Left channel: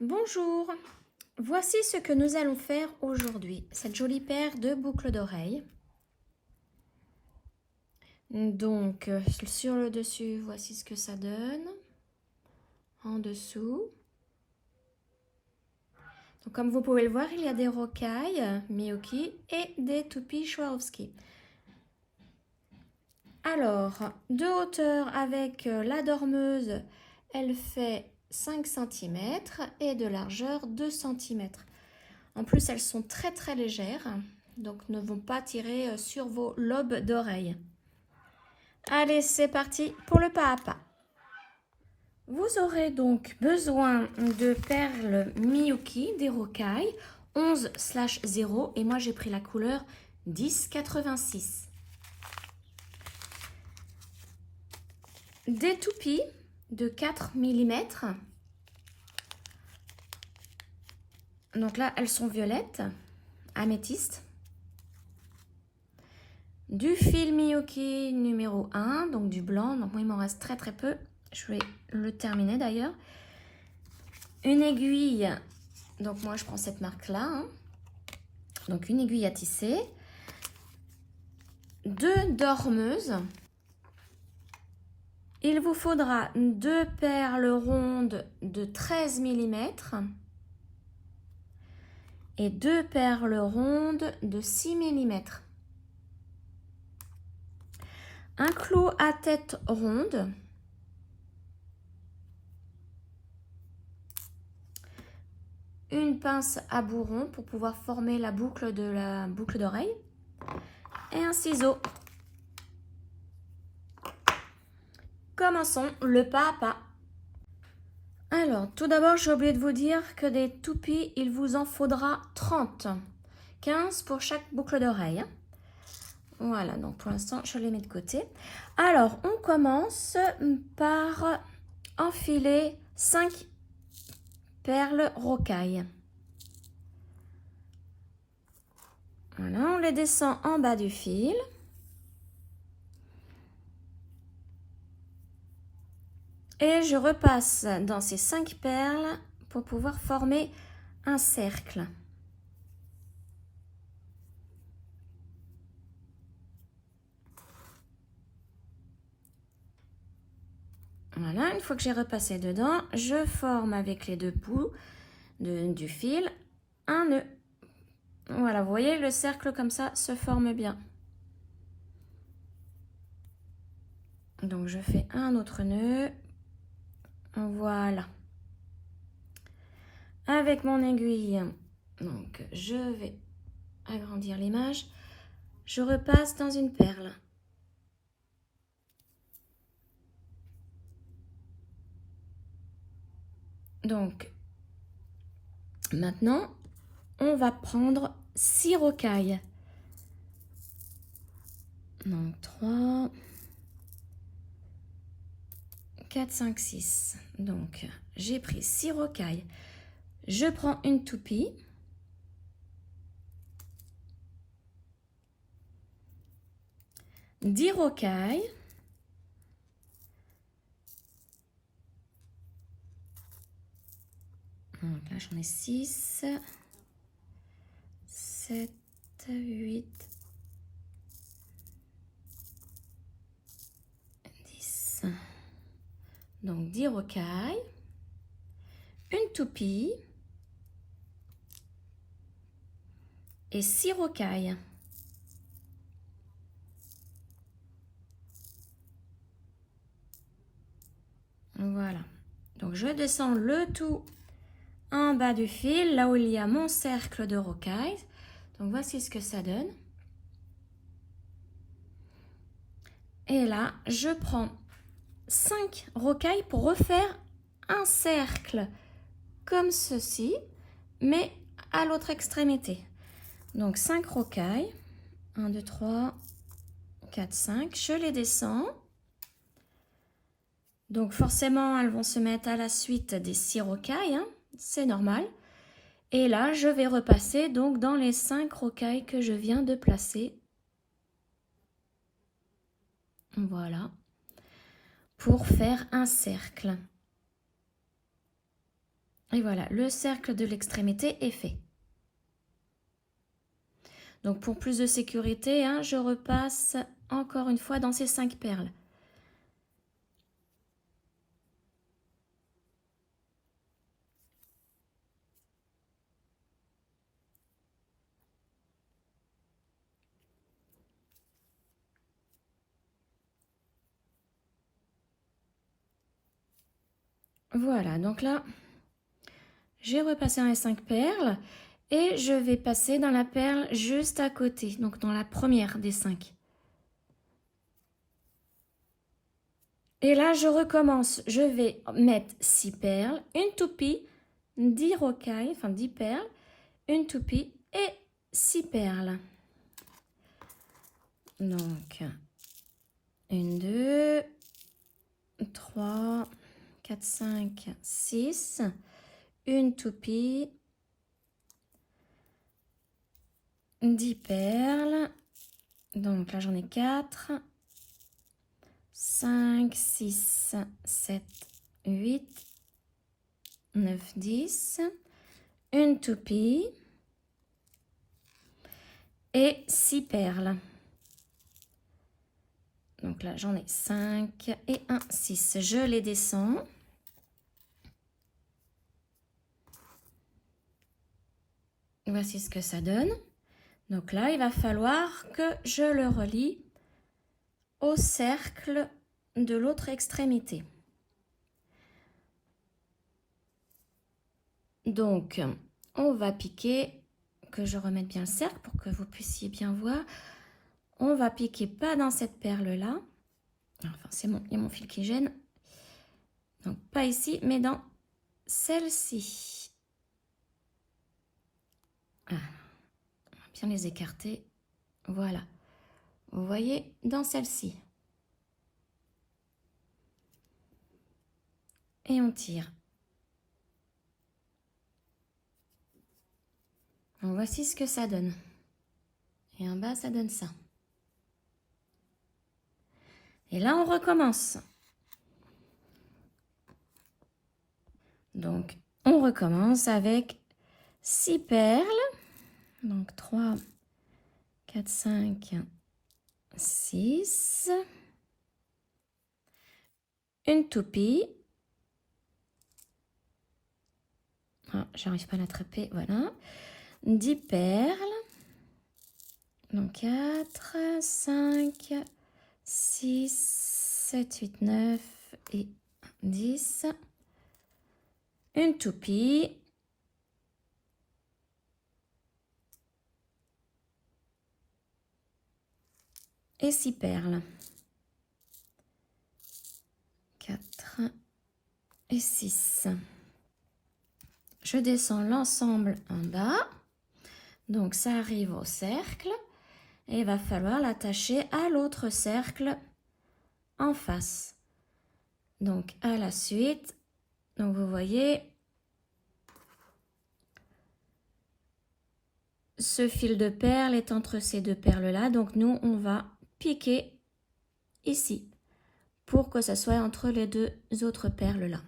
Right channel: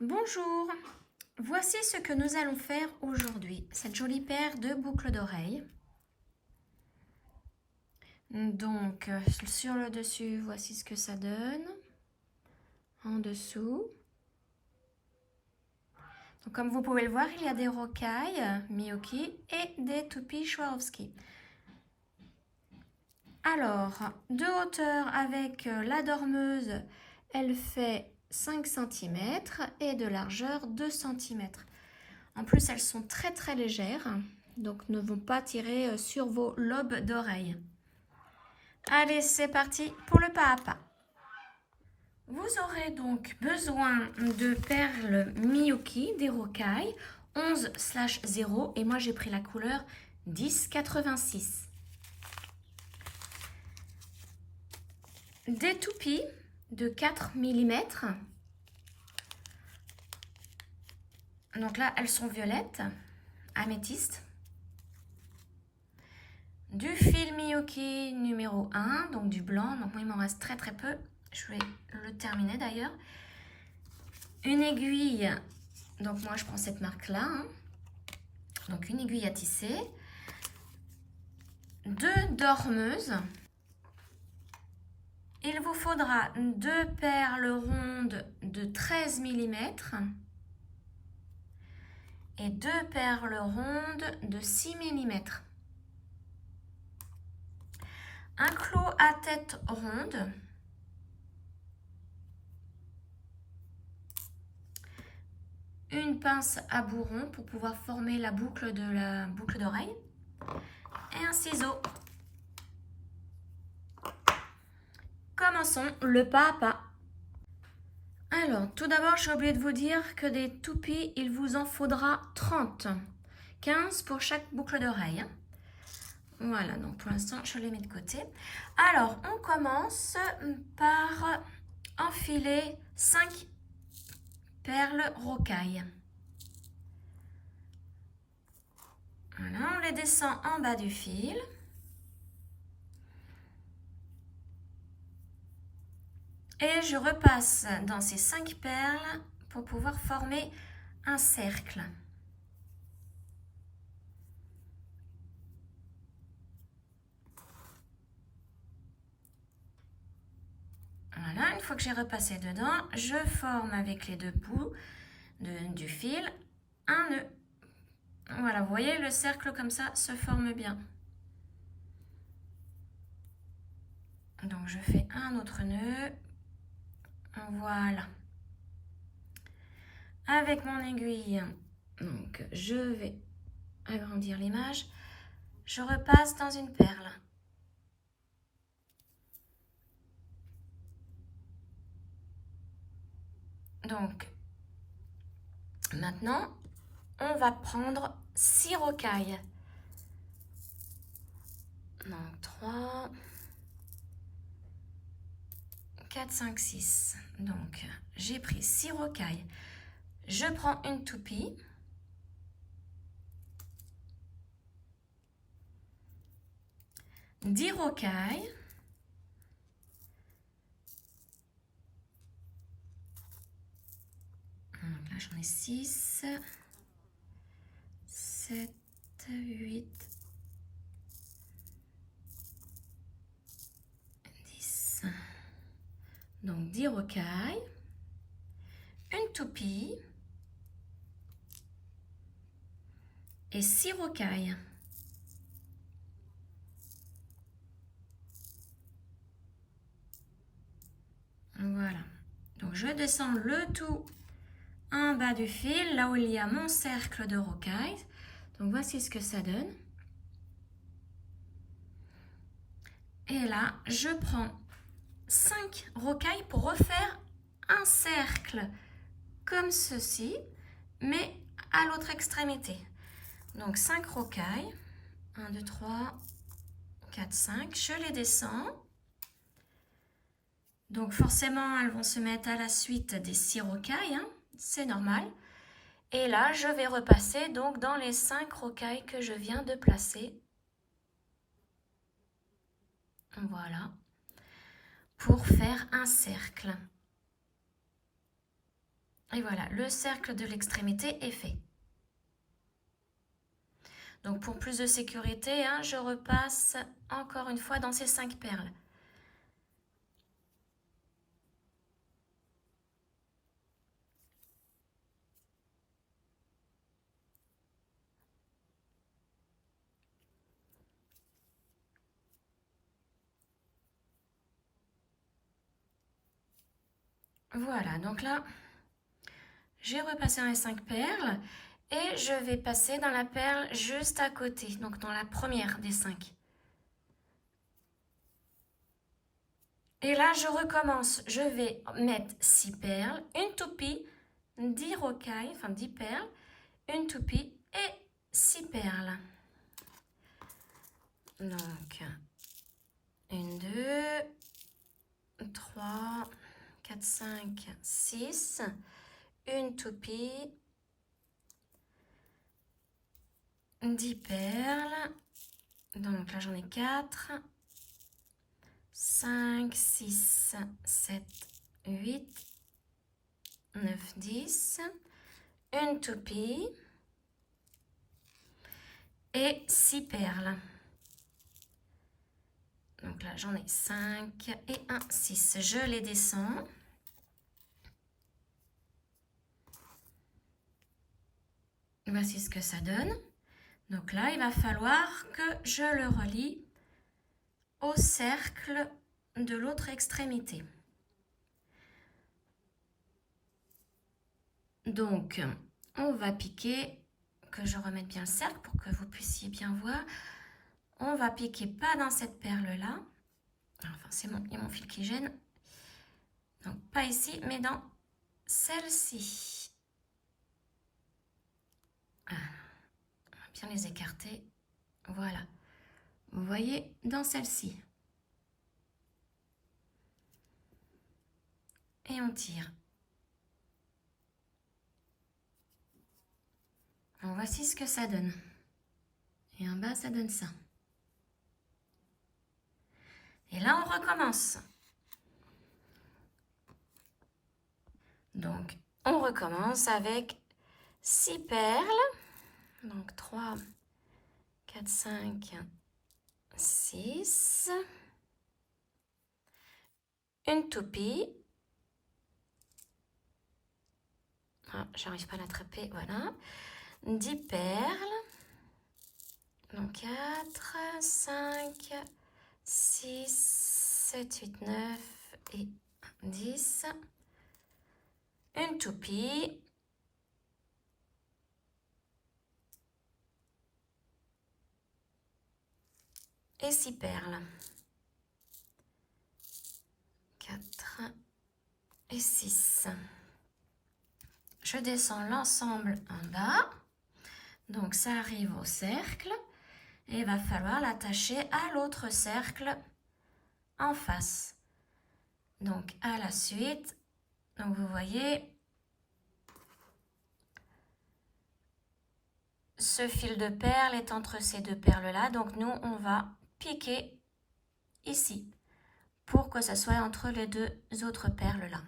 Bonjour, voici ce que nous allons faire aujourd'hui. Cette jolie paire de boucles d'oreilles. Donc, sur le dessus, voici ce que ça donne. En dessous. Donc, comme vous pouvez le voir, il y a des rocailles Miyuki et des toupies Swarovski. Alors, de hauteur avec la dormeuse, elle fait 5 cm et de largeur 2 cm. En plus, elles sont très très légères, donc ne vont pas tirer sur vos lobes d'oreilles. Allez, c'est parti pour le pas à pas. Vous aurez donc besoin de perles Miyuki, des rocailles, 11/0 et moi j'ai pris la couleur 1086. Des toupies de 4 mm. Donc là, elles sont violettes, améthyste. Du fil Miyuki numéro 1, donc du blanc. Donc moi, il m'en reste très très peu. Je vais le terminer d'ailleurs. Une aiguille. Donc moi, je prends cette marque-là. Donc une aiguille à tisser. 2 dormeuses. Il vous faudra 2 perles rondes de 13 mm et 2 perles rondes de 6 mm. Un clou à tête ronde. Une pince à bourron pour pouvoir former la boucle d'oreille. Et un ciseau. Commençons le pas à pas. Alors, tout d'abord, j'ai oublié de vous dire que des toupies, il vous en faudra 30. 15 pour chaque boucle d'oreille. Voilà, donc pour l'instant, je les mets de côté. Alors, on commence par enfiler 5 perles rocailles. Voilà, on les descend en bas du fil. Et je repasse dans ces 5 perles pour pouvoir former un cercle. Voilà, une fois que j'ai repassé dedans, je forme avec les 2 bouts du fil un nœud. Voilà, vous voyez, le cercle comme ça se forme bien. Donc je fais un autre nœud. Voilà. Avec mon aiguille, donc je vais agrandir l'image. Je repasse dans une perle. Donc, maintenant, on va prendre 6 rocailles. Donc, 3, 4, 5, 6. Donc, j'ai pris 6 rocailles. Je prends une toupie. Dix rocailles. Donc là, j'en ai 6, 7, 8, 10. Donc 10 rocailles, une toupie et 6 rocailles. Voilà. Donc je descends le tout en bas du fil, là où il y a mon cercle de rocailles. Donc voici ce que ça donne. Et là, je prends 5 rocailles pour refaire un cercle comme ceci, mais à l'autre extrémité. Donc 5 rocailles, 1, 2, 3, 4, 5, je les descends. Donc forcément, elles vont se mettre à la suite des 6 rocailles, hein, c'est normal. Et là, je vais repasser donc dans les 5 rocailles que je viens de placer. Voilà, pour faire un cercle. Et voilà, le cercle de l'extrémité est fait. Donc pour plus de sécurité, hein, je repasse encore une fois dans ces 5 perles. Voilà, donc là, j'ai repassé dans les 5 perles et je vais passer dans la perle juste à côté, donc dans la première des 5. Et là, je recommence. Je vais mettre 6 perles, une toupie, 10 rocailles, enfin 10 perles, une toupie et 6 perles. Donc, 1, 2, 3, 4, 5, 6, une toupie, 10 perles, donc là j'en ai 4, 5, 6, 7, 8, 9, 10, une toupie et 6 perles. Donc là j'en ai 5 et 1, 6. Je les descends. Voici ce que ça donne. Donc là, il va falloir que je le relie au cercle de l'autre extrémité. Donc, on va piquer, que je remette bien le cercle pour que vous puissiez bien voir. On va piquer pas dans cette perle-là. Enfin, il y a mon fil qui gêne. Donc, pas ici, mais dans celle-ci. Ah, on va bien les écarter. Voilà. Vous voyez, dans celle-ci. Et on tire. Donc, voici ce que ça donne. Et en bas, ça donne ça. Et là, on recommence. Donc, on recommence avec 6 perles. Donc, 3, 4, 5, 6. Une toupie. Ah, j'arrive pas à l'attraper, voilà. 10 perles. Donc, 4, 5, 6, 7, 8, 9 et 10. Une toupie. Et 6 perles. 4 et 6. Je descends l'ensemble en bas. Donc, ça arrive au cercle. Et il va falloir l'attacher à l'autre cercle en face. Donc, à la suite, donc vous voyez, ce fil de perle est entre ces deux perles-là. Donc, nous, on va piquer ici pour que ça soit entre les deux autres perles-là.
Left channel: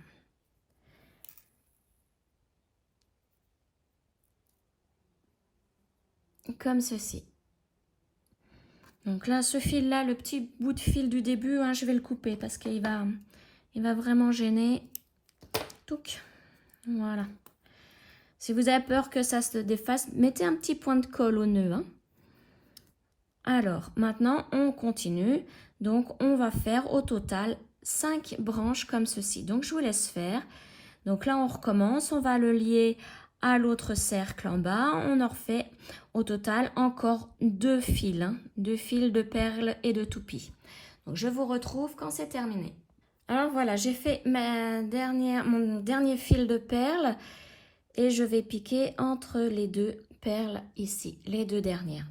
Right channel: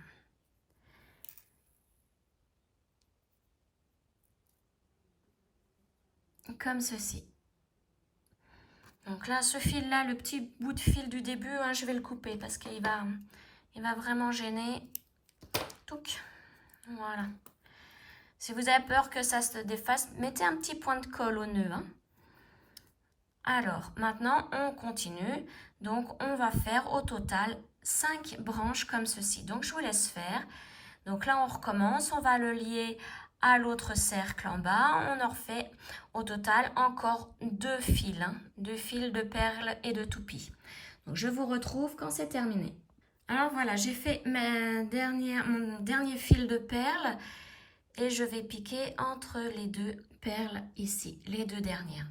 Comme ceci. Donc là, ce fil-là, le petit bout de fil du début, hein, je vais le couper parce qu'il va vraiment gêner. Touc. Voilà. Si vous avez peur que ça se défasse, mettez un petit point de colle au nœud. Hein. Alors, maintenant, on continue. Donc, on va faire au total 5 branches comme ceci. Donc, je vous laisse faire. Donc là, on recommence. On va le lier à l'autre cercle en bas. On en refait au total encore 2 fils. Hein, 2 fils de perles et de toupies. Donc, je vous retrouve quand c'est terminé. Alors, voilà, j'ai fait mon dernier fil de perles. Et je vais piquer entre les deux perles ici, les deux dernières.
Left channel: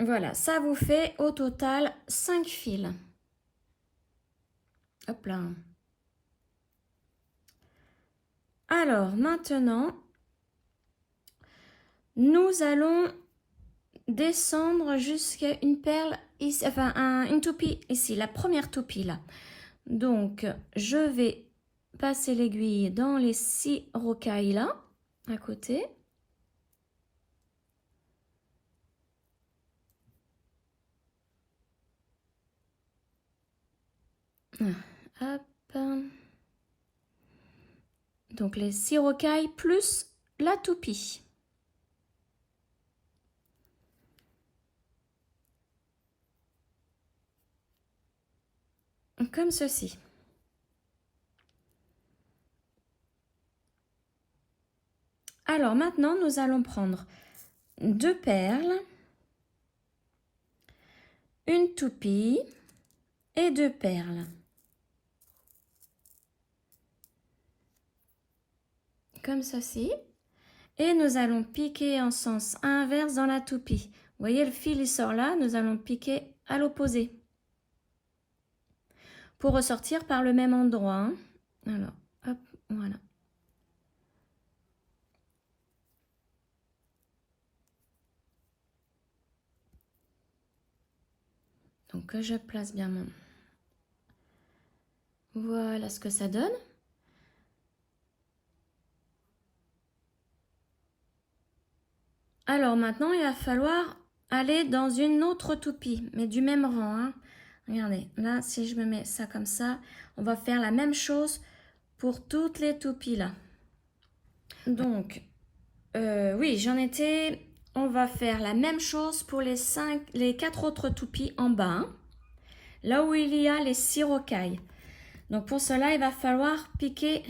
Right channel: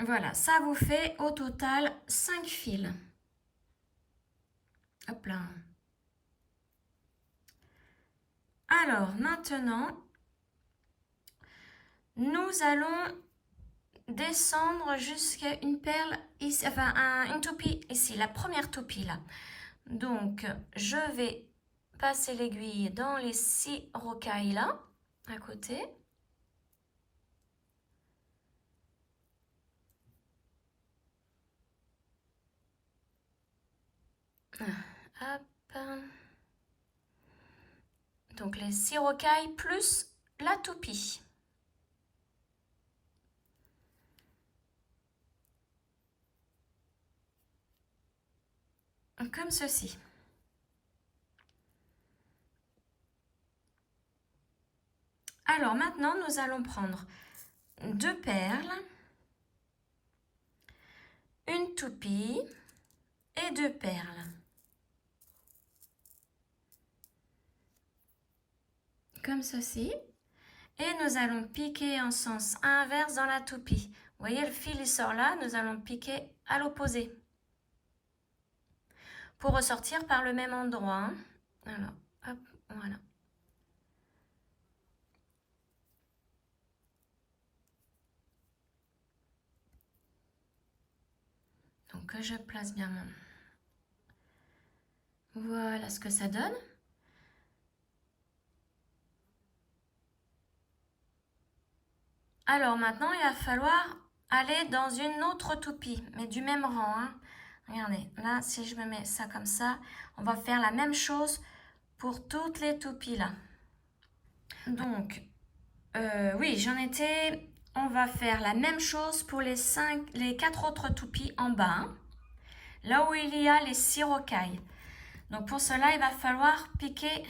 Voilà, ça vous fait au total 5 fils. Hop là. Alors, maintenant, nous allons descendre jusqu'à une perle ici, enfin une toupie ici, la première toupie là. Donc je vais passer l'aiguille dans les 6 rocailles là, à côté. Hop. Donc les 6 rocailles plus la toupie. Comme ceci. Alors maintenant, nous allons prendre 2 perles, une toupie et 2 perles. Comme ceci. Et nous allons piquer en sens inverse dans la toupie. Vous voyez, le fil il sort là, nous allons piquer à l'opposé. Pour ressortir par le même endroit. Hein. Alors, hop, voilà. Donc, je place bien mon... Voilà ce que ça donne. Alors maintenant, il va falloir aller dans une autre toupie, mais du même rang. Hein. Regardez, là, si je me mets ça comme ça, on va faire la même chose pour toutes les toupies là. Donc, oui, j'en étais... On va faire la même chose pour les 4 autres toupies en bas. Hein, là où il y a les 6 rocailles. Donc pour cela, il va falloir piquer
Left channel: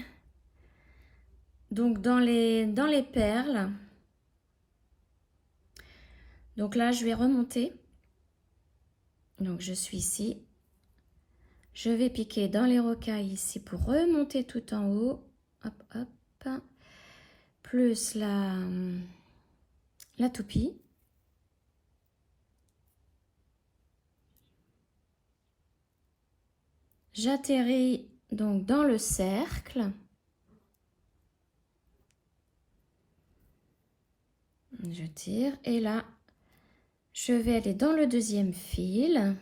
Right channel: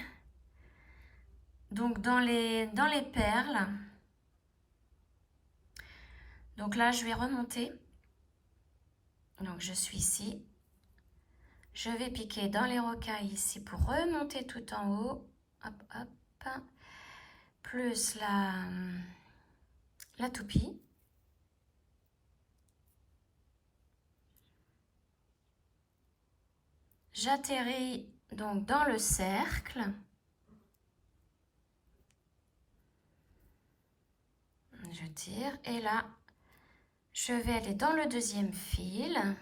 donc dans les perles. Donc là, je vais remonter. Donc je suis ici. Je vais piquer dans les rocailles ici pour remonter tout en haut. Hop, hop. Plus la toupie. J'atterris donc dans le cercle. Je tire et là, je vais aller dans le deuxième fil.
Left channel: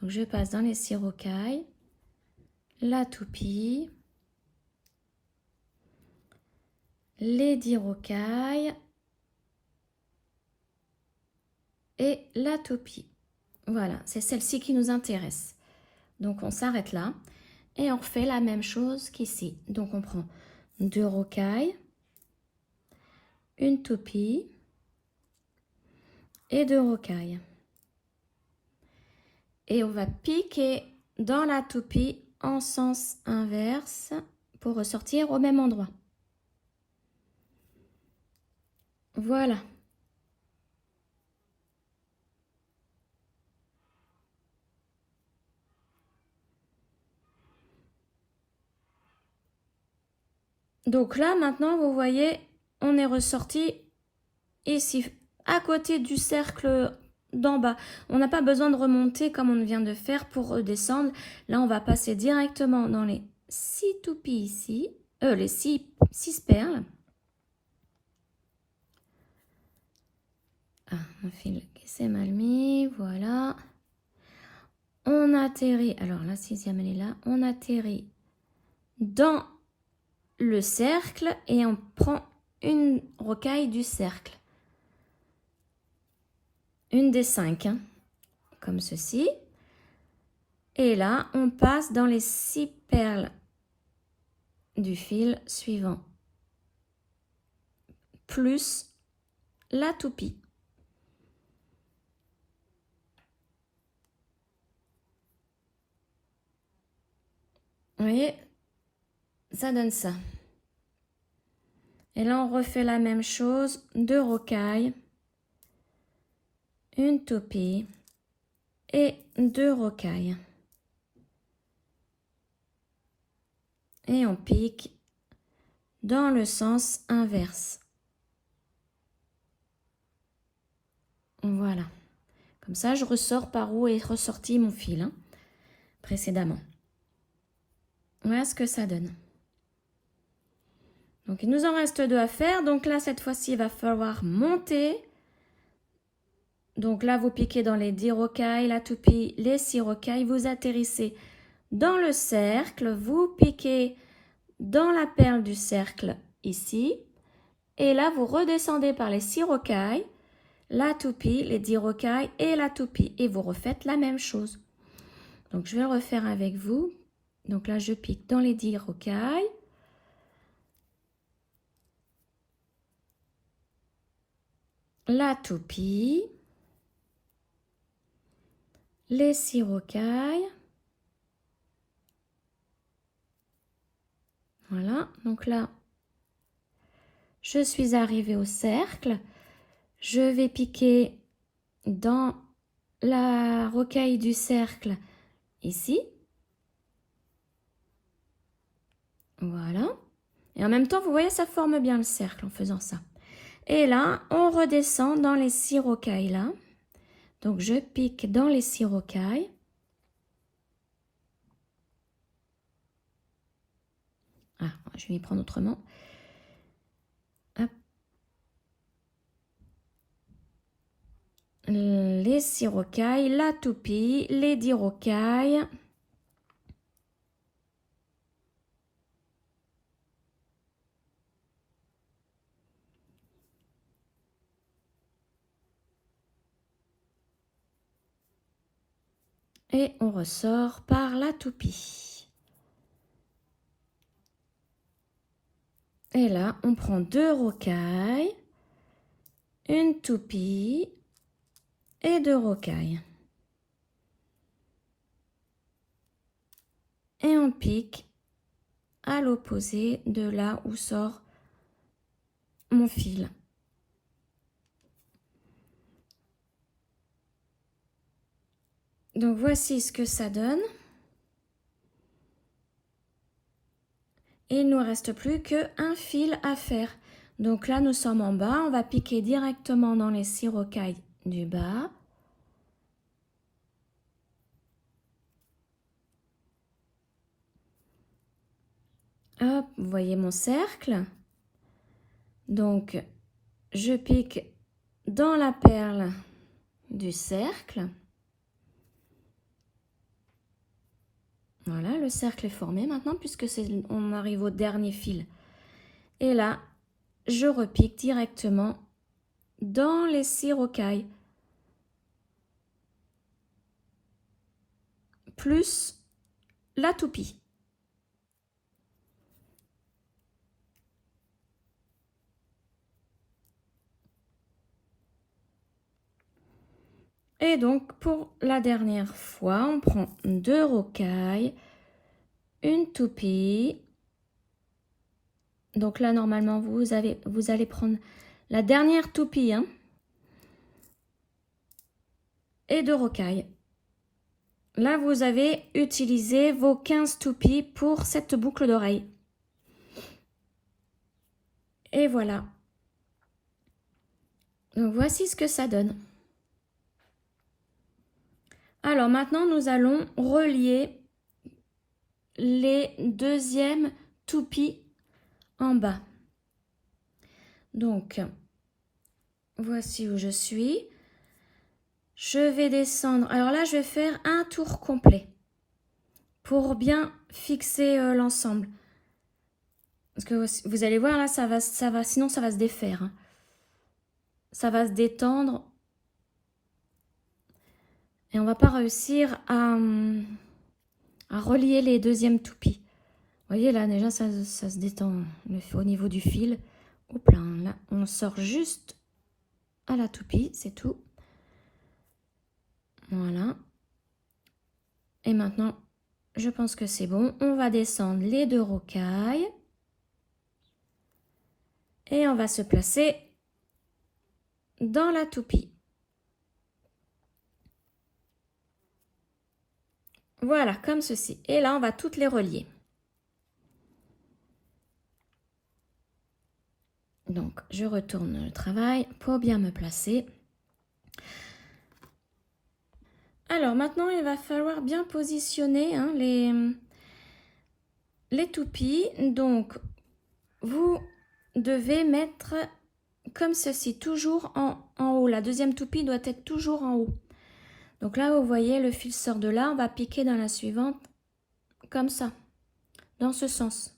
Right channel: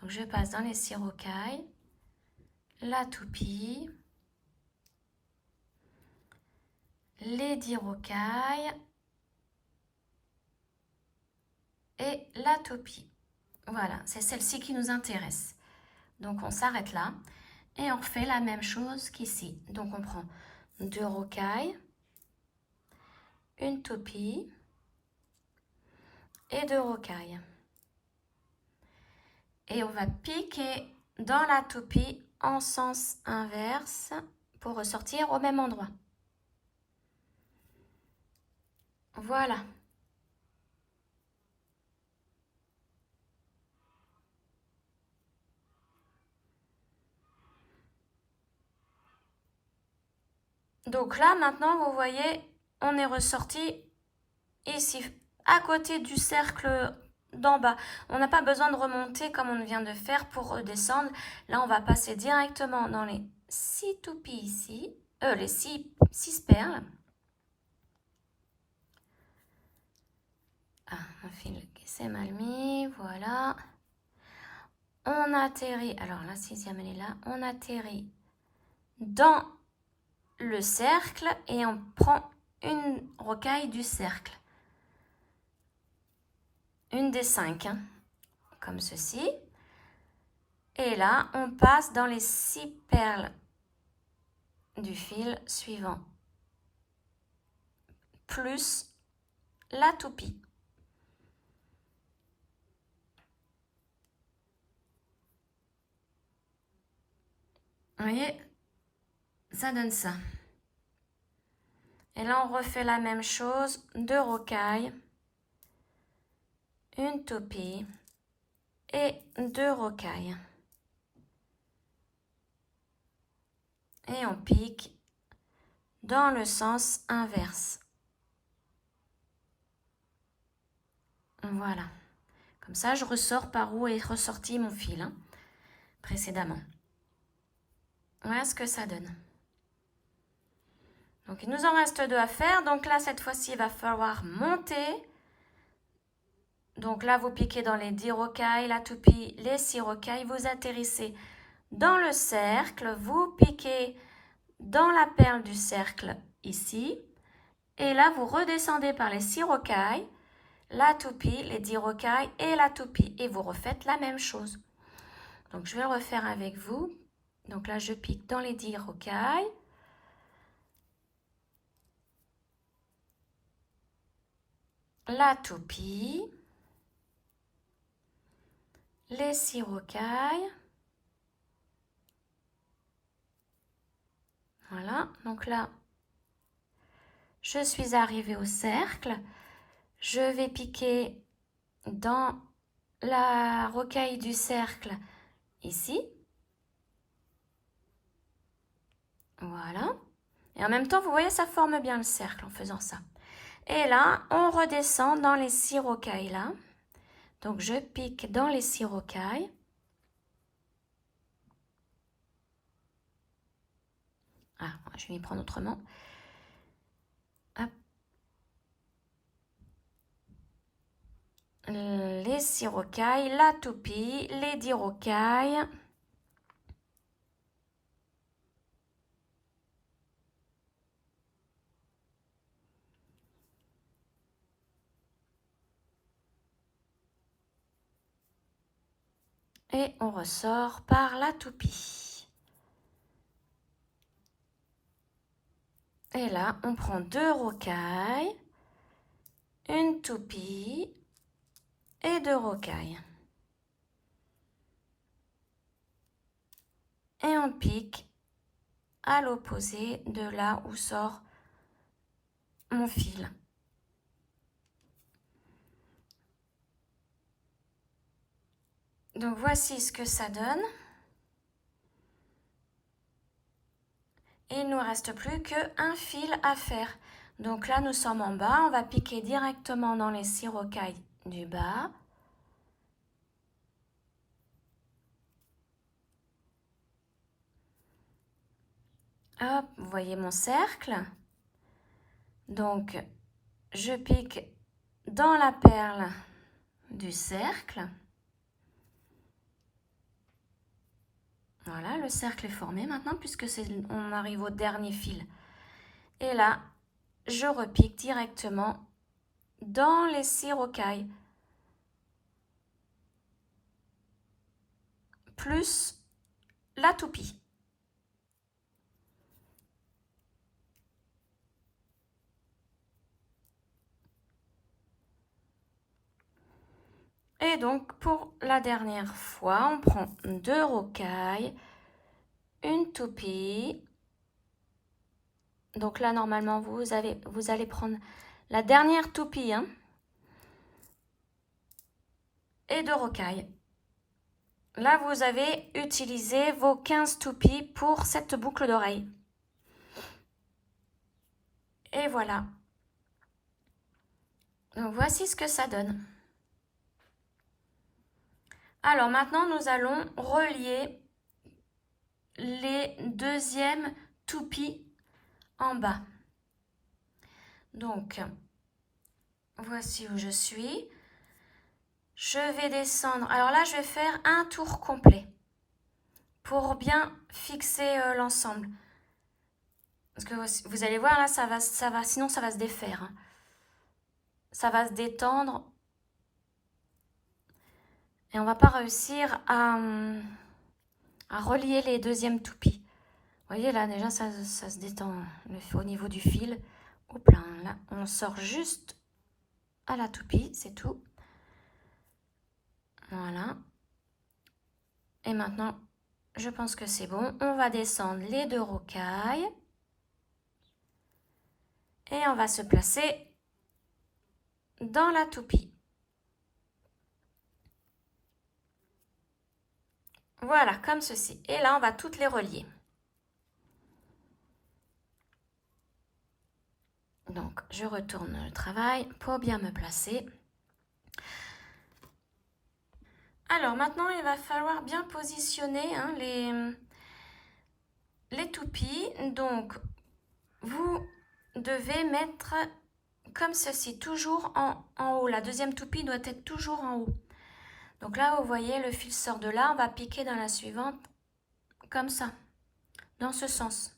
Donc je passe dans les 6 rocailles, la toupie, les 10 rocailles et la toupie. Voilà, c'est celle-ci qui nous intéresse. Donc on s'arrête là et on refait la même chose qu'ici. Donc on prend 2 rocailles, une toupie et 2 rocailles. Et on va piquer dans la toupie en sens inverse pour ressortir au même endroit. Voilà. Donc là, maintenant, vous voyez, on est ressorti ici, à côté du cercle d'en bas. On n'a pas besoin de remonter comme on vient de faire pour redescendre. Là, on va passer directement dans les 6 toupies ici, les 6 perles. Ah, un fil qui s'est mal mis, voilà. On atterrit, alors la 6e elle est là, on atterrit dans le cercle et on prend une rocaille du cercle. Une des 5, hein, comme ceci. Et là, on passe dans les 6 perles du fil suivant. Plus la toupie. Vous voyez, ça donne ça. Et là, on refait la même chose. 2 rocailles, une toupie et 2 rocailles. Et on pique dans le sens inverse. Voilà. Comme ça, je ressors par où est ressorti mon fil, hein, précédemment. Voilà ce que ça donne. Donc, il nous en reste 2 à faire. Donc là, cette fois-ci, il va falloir monter Donc là, vous piquez dans les 10 rocailles, la toupie, les 6 rocailles. Vous atterrissez dans le cercle. Vous piquez dans la perle du cercle ici. Et là, vous redescendez par les 6 rocailles, la toupie, les 10 rocailles et la toupie. Et vous refaites la même chose. Donc, je vais le refaire avec vous. Donc là, je pique dans les 10 rocailles. La toupie. Les 6 rocailles. Voilà. Donc là, je suis arrivée au cercle. Je vais piquer dans la rocaille du cercle ici. Voilà. Et en même temps, vous voyez, ça forme bien le cercle en faisant ça. Et là, on redescend dans les 6 rocailles là. Donc, je pique dans les 6 rocailles. Ah, je vais m'y prendre autrement. Hop. Les 6 rocailles, la toupie, les 10 rocailles. Et on ressort par la toupie. Et là, on prend 2 rocailles, une toupie et 2 rocailles. Et on pique à l'opposé de là où sort mon fil. Donc voici ce que ça donne. Et il ne nous reste plus qu'un fil à faire. Donc là, nous sommes en bas. On va piquer directement dans les 6 rocailles du bas. Hop, vous voyez mon cercle. Donc, je pique dans la perle du cercle. Voilà, le cercle est formé maintenant puisque on arrive au dernier fil. Et là, je repique directement dans les 6 rocailles. Plus la toupie. Et donc, pour la dernière fois, on prend 2 rocailles, une toupie. Donc là, normalement, vous allez prendre la dernière toupie, hein, et 2 rocailles. Là, vous avez utilisé vos 15 toupies pour cette boucle d'oreille. Et voilà. Donc, voici ce que ça donne. Alors, maintenant, nous allons relier les deuxièmes toupies en bas. Donc, voici où je suis. Je vais descendre. Alors là, je vais faire un tour complet pour bien fixer l'ensemble. Parce que vous allez voir, là, sinon ça va se défaire. Hein. Ça va se détendre. Et on ne va pas réussir à relier les deuxièmes toupies. Vous voyez, là, déjà, ça se détend au niveau du fil. Hop là, là, on sort juste à la toupie, c'est tout. Voilà. Et maintenant, je pense que c'est bon. On va descendre les 2 rocailles. Et on va se placer dans la toupie. Voilà, comme ceci. Et là, on va toutes les relier. Donc, je retourne le travail pour bien me placer. Alors, maintenant, il va falloir bien positionner hein, les toupies. Donc, vous devez mettre comme ceci, toujours en haut. La deuxième toupie doit être toujours en haut. Donc là, vous voyez, le fil sort de là. On va piquer dans la suivante, comme ça, dans ce sens.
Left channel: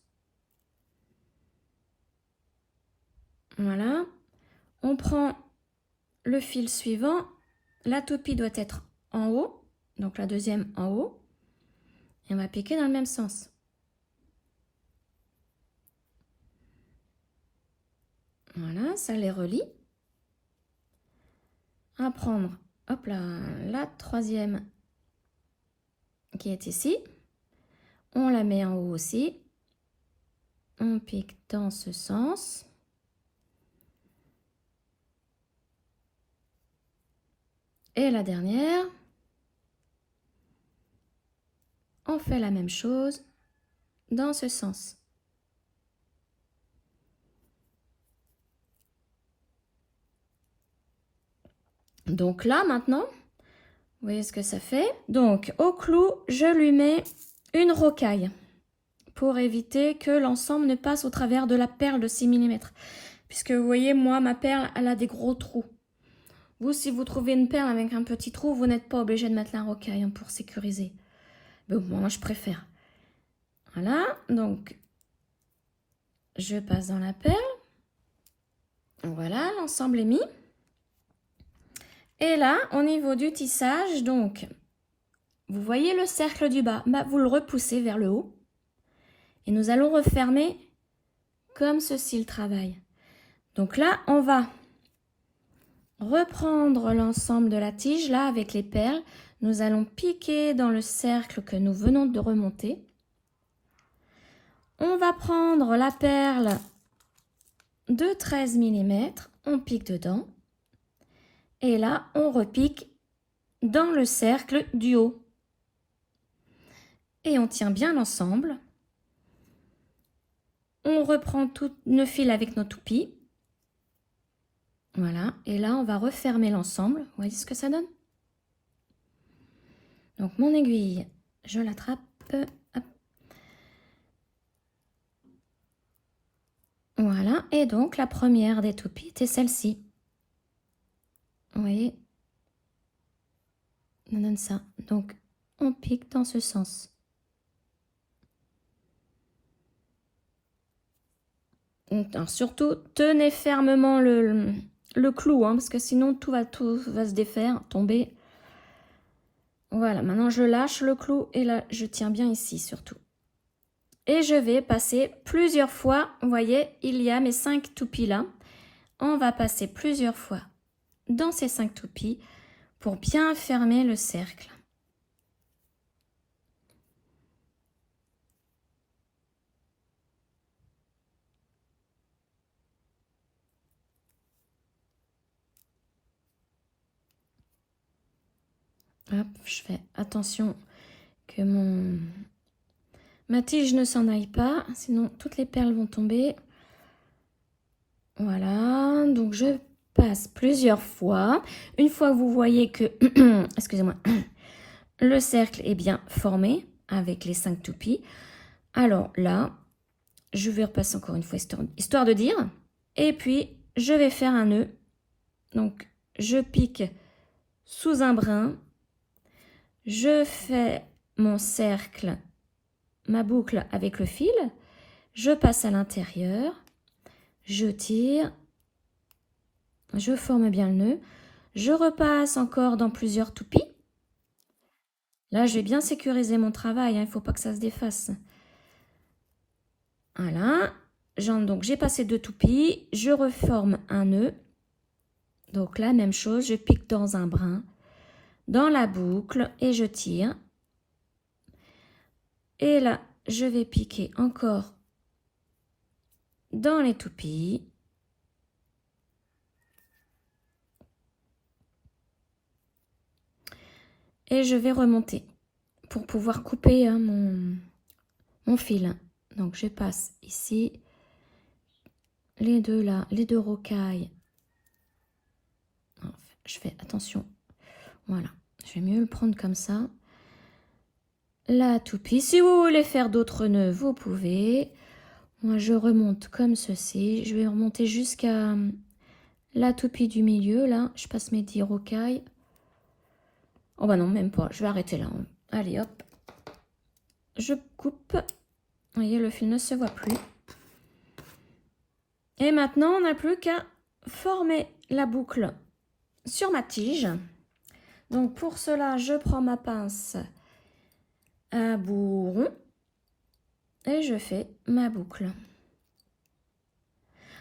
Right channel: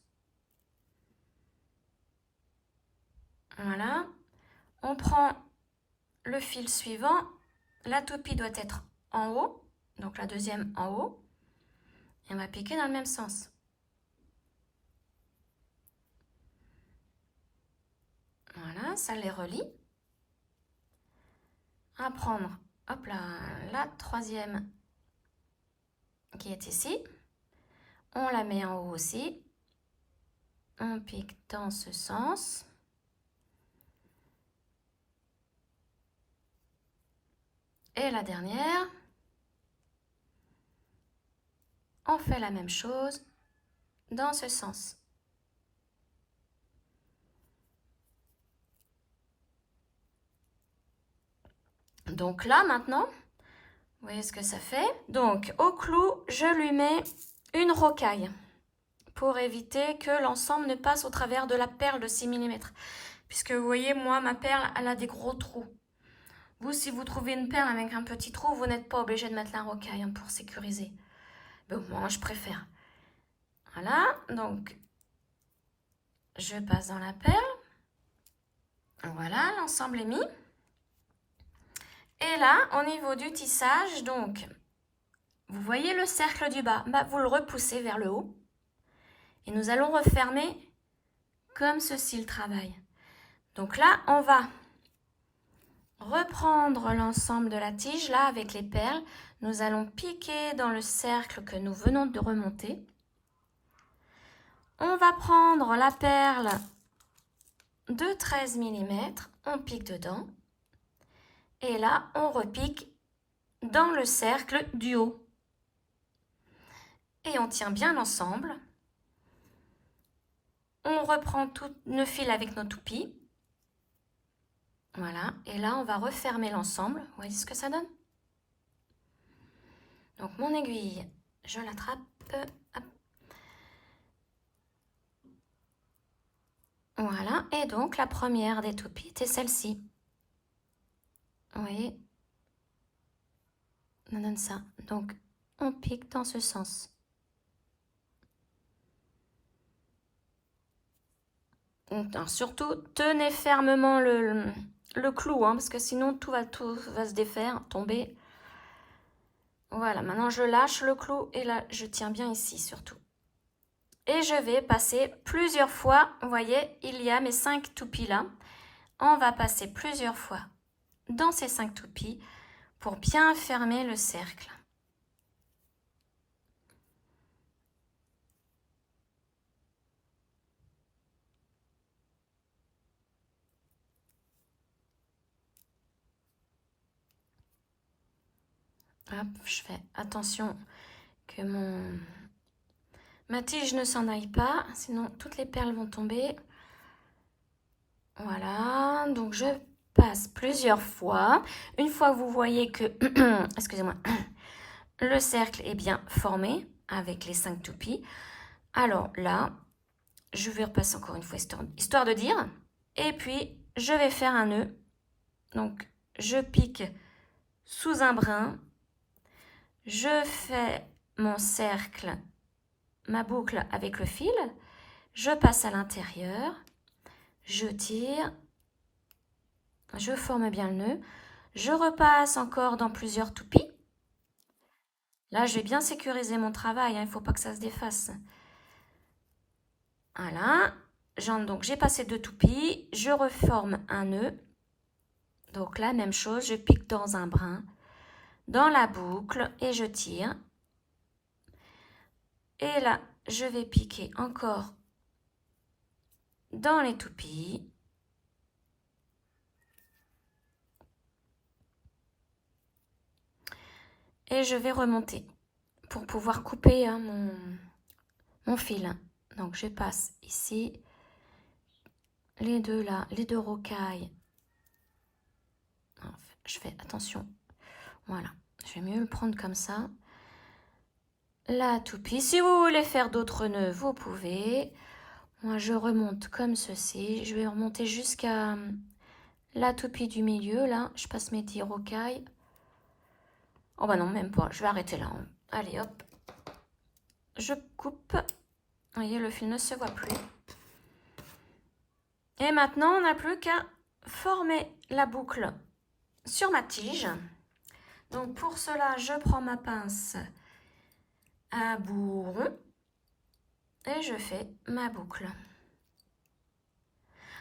Voilà. On prend le fil suivant. La toupie doit être en haut. Donc la deuxième en haut. Et on va piquer dans le même sens. Voilà, ça les relie. On va prendre, hop là, la troisième qui est ici. On la met en haut aussi. On pique dans ce sens. Et la dernière, on fait la même chose dans ce sens. Donc là, maintenant, vous voyez ce que ça fait. Donc, au clou, je lui mets une rocaille pour éviter que l'ensemble ne passe au travers de la perle de 6 mm. Puisque vous voyez, moi, ma perle, elle a des gros trous. Vous, si vous trouvez une perle avec un petit trou, vous n'êtes pas obligé de mettre la rocaille pour sécuriser. Mais moi, je préfère. Voilà, donc, je passe dans la perle. Voilà, l'ensemble est mis. Et là, au niveau du tissage, donc, vous voyez le cercle du bas, bah, vous le repoussez vers le haut. Et nous allons refermer comme ceci le travail. Donc là, on va reprendre l'ensemble de la tige, là, avec les perles. Nous allons piquer dans le cercle que nous venons de remonter. On va prendre la perle de 13 mm, on pique dedans. Et là, on repique dans le cercle du haut. Et on tient bien l'ensemble. On reprend tout le fil avec nos toupies. Voilà. Et là, on va refermer l'ensemble. Vous voyez ce que ça donne? Donc, mon aiguille, je l'attrape. Hop. Voilà. Et donc, la première des toupies était celle-ci. Vous voyez? On donne ça. Donc, on pique dans ce sens. Alors, surtout, tenez fermement le clou, hein, parce que sinon tout va se défaire, tomber. Voilà, maintenant je lâche le clou et là, je tiens bien ici surtout. Et je vais passer plusieurs fois. Vous voyez, il y a mes 5 toupies là. On va passer plusieurs fois dans ces 5 toupies pour bien fermer le cercle. Hop, je fais attention que ma tige ne s'en aille pas, sinon toutes les perles vont tomber. Voilà, donc je passe plusieurs fois. Une fois que vous voyez que, excusez-moi, le cercle est bien formé avec les 5 toupies, alors là, je vais repasser encore une fois histoire de dire. Et puis, je vais faire un nœud. Donc, je pique sous un brin. Je fais mon cercle, ma boucle avec le fil. Je passe à l'intérieur. Je tire. Je forme bien le nœud. Je repasse encore dans plusieurs toupies. Là, je vais bien sécuriser mon travail. Il ne faut pas que ça se défasse. Voilà. Donc, j'ai passé 2 toupies. Je reforme un nœud. Donc, la même chose. Je pique dans un brin, dans la boucle et je tire. Et là, je vais piquer encore dans les toupies. Et je vais remonter pour pouvoir couper hein, mon fil. Donc, je passe ici, les deux là, les 2 rocailles. Je fais attention. Voilà, je vais mieux le prendre comme ça. La toupie. Si vous voulez faire d'autres nœuds, vous pouvez. Moi, je remonte comme ceci. Je vais remonter jusqu'à la toupie du milieu, là, je passe mes 10 rocailles. Oh bah non, même pas, je vais arrêter là. Allez, hop. Je coupe. Vous voyez, le fil ne se voit plus. Et maintenant, on n'a plus qu'à former la boucle sur ma tige. Donc pour cela, je prends ma pince à bout rond et je fais ma boucle.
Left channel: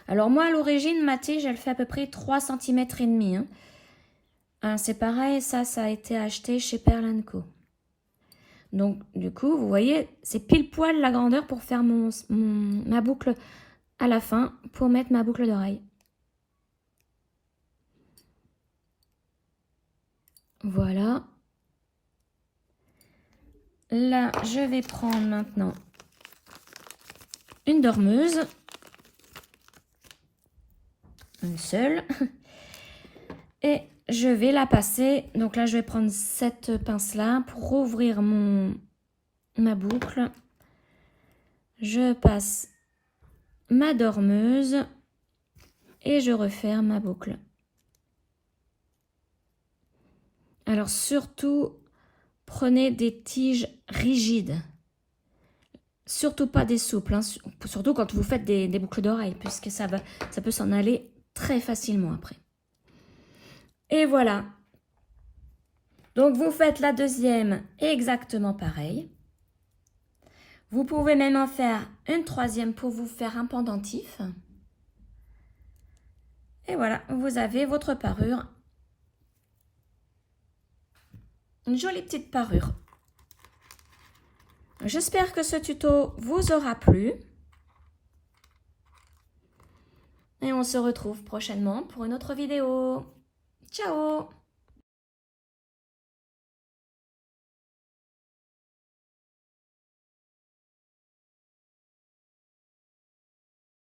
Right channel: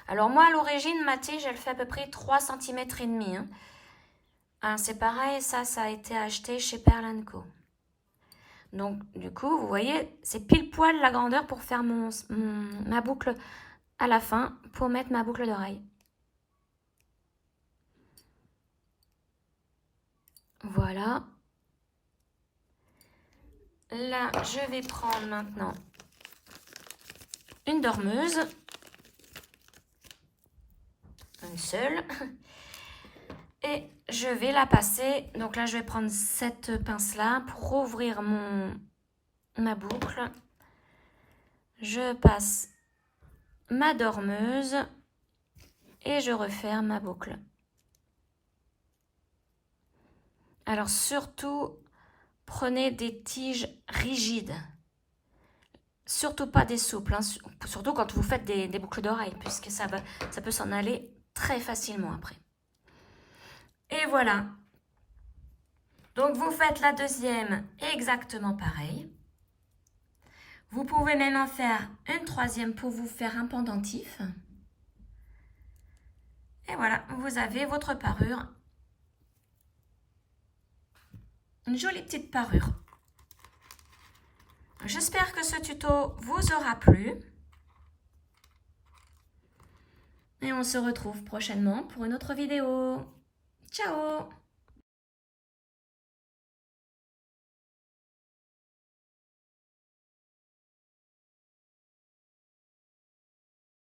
Alors moi, à l'origine, ma tige, elle fait à peu près 3,5 cm. Hein. C'est pareil, ça a été acheté chez Pearl & Co. Donc du coup, vous voyez, c'est pile poil la grandeur pour faire ma boucle à la fin, pour mettre ma boucle d'oreille. Voilà. Là, je vais prendre maintenant une dormeuse. Une seule. Et je vais la passer. Donc là, je vais prendre cette pince-là pour ouvrir ma boucle. Je passe ma dormeuse et je referme ma boucle. Alors surtout, prenez des tiges rigides. Surtout pas des souples, hein. Surtout quand vous faites des boucles d'oreilles, puisque ça peut s'en aller très facilement après. Et voilà. Donc vous faites la deuxième exactement pareil. Vous pouvez même en faire une troisième pour vous faire un pendentif. Et voilà, vous avez votre parure. Une jolie petite parure. J'espère que ce tuto vous aura plu. Et on se retrouve prochainement pour une autre vidéo. Ciao!